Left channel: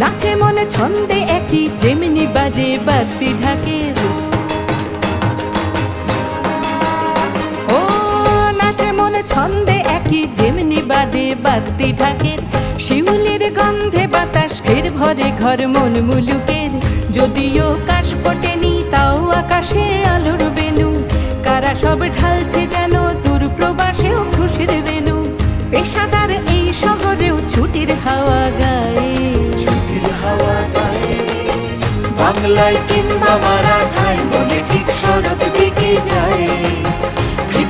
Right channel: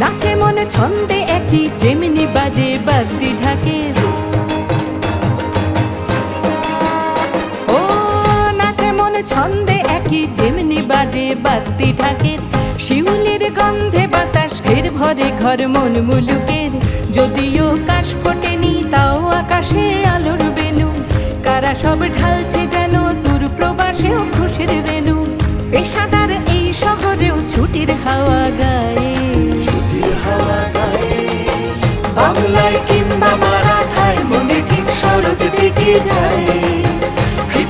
নাচে মনে ছন্দে একই, যেমনি বাজে বাদ্যি ঢাকের। ও নাচে মনে ছন্দে একই, যেমনি বাজে বাদ্যি ঢাকের। শিউলির গন্ধে বাতাস ঘের ভরে ঘর মন মুলুকের। যদিও কাশ ফোটেনি তাও আকাশে আলোর বেনু। কারা সব ঢালছে যেন দূর প্রবাসেও খুশির রেণু। পেশাদার এই শহরেও ছুটির হাওয়া গায়ে। বাংলায় কিংবা মারাঠায় মনে ঠিক শরৎ ঢেকে যায়।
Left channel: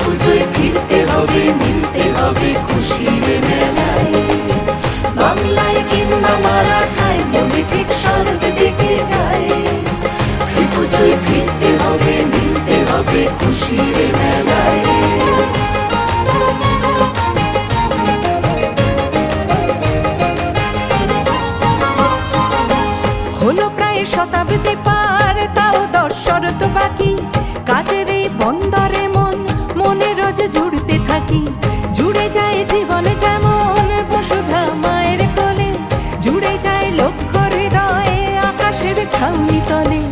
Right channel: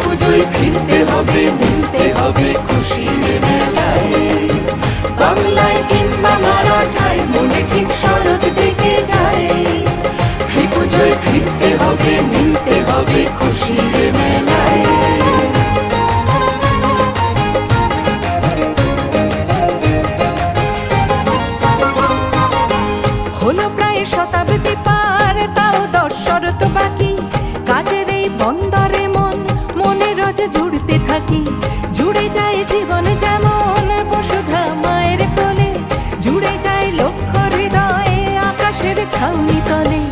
পুজোয় ফিরতে হবে, মিলতে হবে খুশির মেলায়। বাংলায় কিংবা মারাঠায় মনে ঠিক শরৎ ঢেকে যায়। পুজোয় ফিরতে হবে, মিলতে হবে খুশির মেলায়। হলো প্রায় শতাব্দী পার, তাও 10 শরৎ বাকি। কাজের এই বন্দরে মন মনে রোজ জুড়তে থাকি। জুড়ে যায় জীবন যেমন বসুধা মায়ের কোলে। জুড়ে যায় লক্ষ হৃদয়ে আকাশের ছাউনি তলে।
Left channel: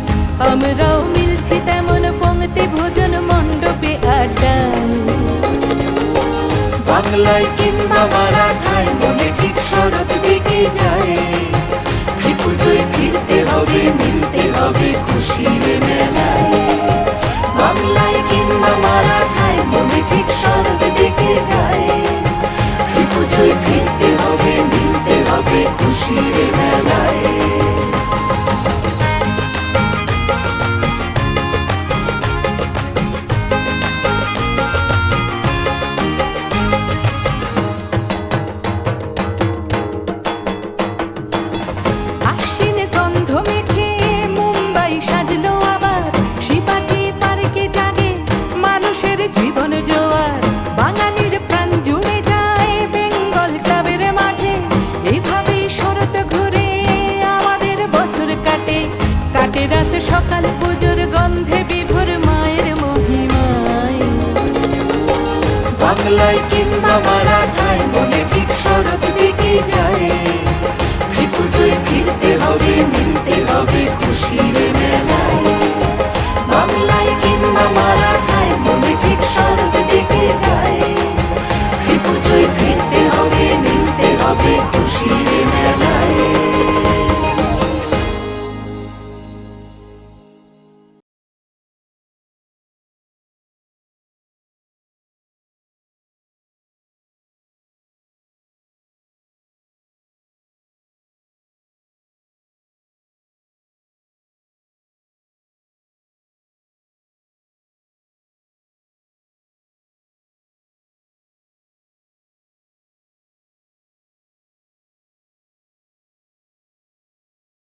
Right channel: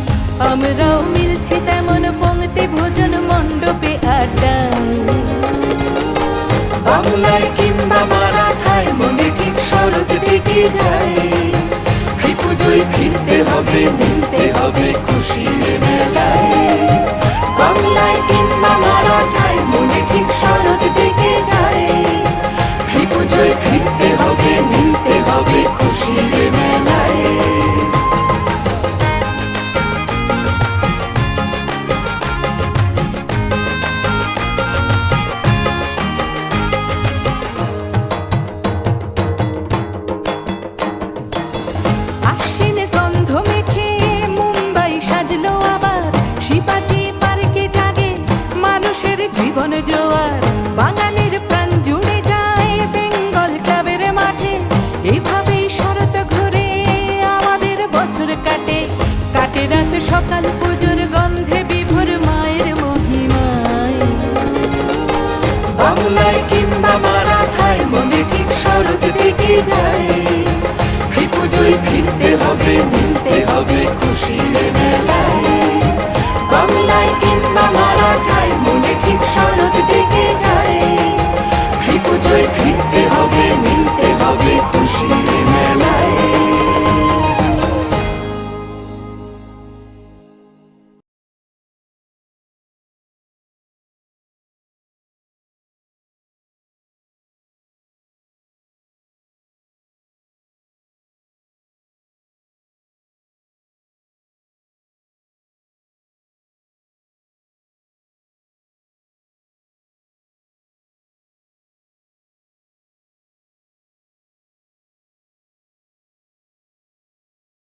আমরাও মিলছি তেমন পংক্তি ভোজন মণ্ডপে আড্ডায়। বাংলায় কিংবা মারাঠায় মনে ঠিক শরৎ ঢেকে যায়। পুজোয় ফিরতে হবে, মিলতে হবে খুশির মেলায়। বাংলায় কিংবা মারাঠায় মনে ঠিক শরৎ ঢেকে যায়। পুজোয় ফিরতে হবে, মিলতে হবে খুশির মেলায়। আশ্বিন গন্ধ মেখে মুম্বাই সাজলো আবার। শিবাজি পার্কে জাগে মানুষের জীবন জোয়ার। বাঙালির প্রাণ জুড়ে যায় বেঙ্গল ক্লাবের মাঠে। এইভাবেই শরৎ ঘুরে আমাদের বছর কাটে। কাটে রাত সকাল পুজোর গন্ধে বিভোর মায়ের মহিমায়। বাংলায় কিংবা মারাঠায় মনে ঠিক শরৎ ঢেকে যায়।